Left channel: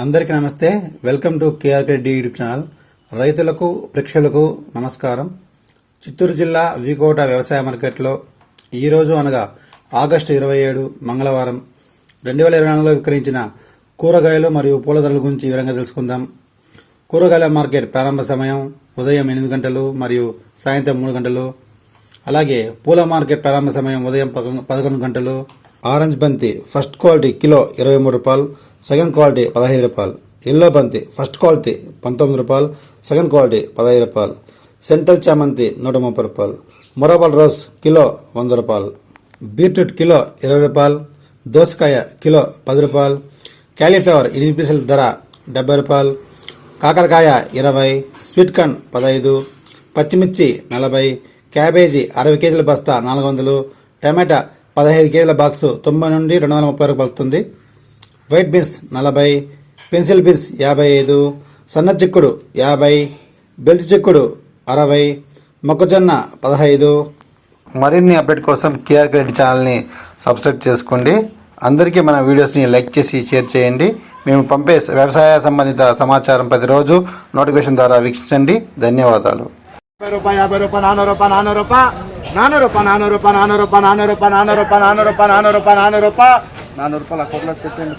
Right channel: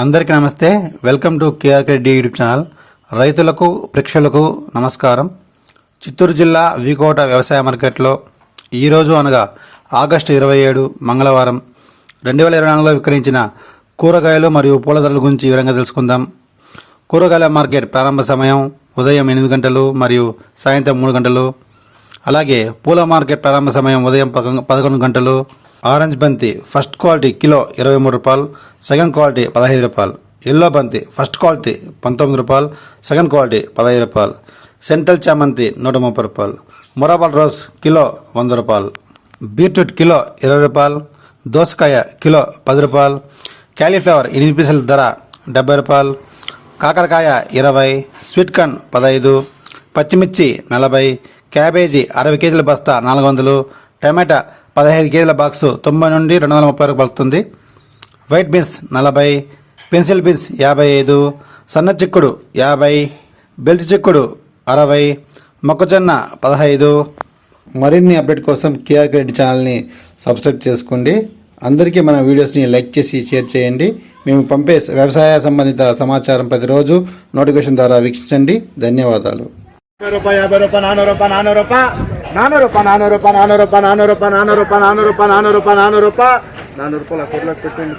అందరికీ నమస్తే. Welcome to KRK D YouTube channel. రైతులకు ప్రేక్షకులకు నమస్కారం. చిత్తూరు జిల్లా వీకోట వ్యవసాయ మార్కెట్లో ఈరోజు అనగా ఆగస్టు ఇరవై ఏడు మంగళవారం రెండు వేల ఇరవై నాలుగులో విక్రయించిన కూరగాయలు మరియు పూల ధరల గురించి వివరంగా తెలుసుకుందాం. కూరగాయల మార్కెట్ ప్రారంభ సమయం ఉదయం ఎనిమిది గంటలు మరియు సాయంత్రం మూడు గంటలు. అలాగే పూల మార్కెట్ ప్రారంభ సమయం ఉదయం పదకొండు పదకొండు గంటలు. ఆరెంజ్ బంతి ఫస్ట్ క్వాలిటీ కిలో ఇరవై మూడు రూపాయలు సెకండ్ క్వాలిటీ పదహైదు రూపాయలు ఎల్లో బంతి ఫస్ట్ క్వాలిటీ పంతొమ్మిది రూపాయలు సెకండ్ క్వాలిటీ పదహైదు రూపాయలు సెంట్రల్ చామంతి నూట ముప్పై రూపాయలు మొరాబల్ రోజ్ కిలో వంద రూపాయలు బీట్రూట్ కిలో ఇరవై రూపాయలు దోసకాయ కిలో పది రూపాయలు క్యాలీఫ్లవర్ ఎనిమిది పీసుల ధర డెబ్బై రూపాయలు కాకరకాయ ఇరవై స్వీట్ కార్న్ పదహైదు పచ్చిమిర్చి నలభై క్యాబేజీ అరవై కేజీల బస్తా నాలుగు వందలు టమాటా పదహైదు కేజీల బాక్సు తొంభై నుండి రెండు వందల ముప్పై వరకు పలుకుతుంది. వైట్ బీన్స్ నలభై పెన్సిల్ బీన్స్ యాభై ఐదు సన్న చిక్కుడు యాభై బెల్ట్ చిక్కుడు అరవై మొక్కజొన్న పదహైదు. మరిన్ని అప్డేట్ కోసం కేఆర్ క్రెడిట్ ఛానల్ని సబ్స్క్రైబ్ చేసుకోండి. అందరికీ మన వీడియోస్ని లైక్ చేసి షేర్ చేయండి. మేము పంపే వ్యవసాయ సంబంధిత సమాచారం ప్రతిరోజు నోటిఫికేషన్ ద్వారా వీక్షించండి. ధన్యవాదాలు. యాభై యాభై రూపాయ నానూరు రూపాయ నానూరు రూపాయ నాన్న రూపాయ నాన్న రూపాయ నాన్న రూపాయ నాన్న రూపాయ నాన్న రూపాయ నాన్న రూపాయ నాన్న రూపాయ నాన్న రూపాయలు నానూరు రూపాయలు ఆ కూరలో పెట్టండి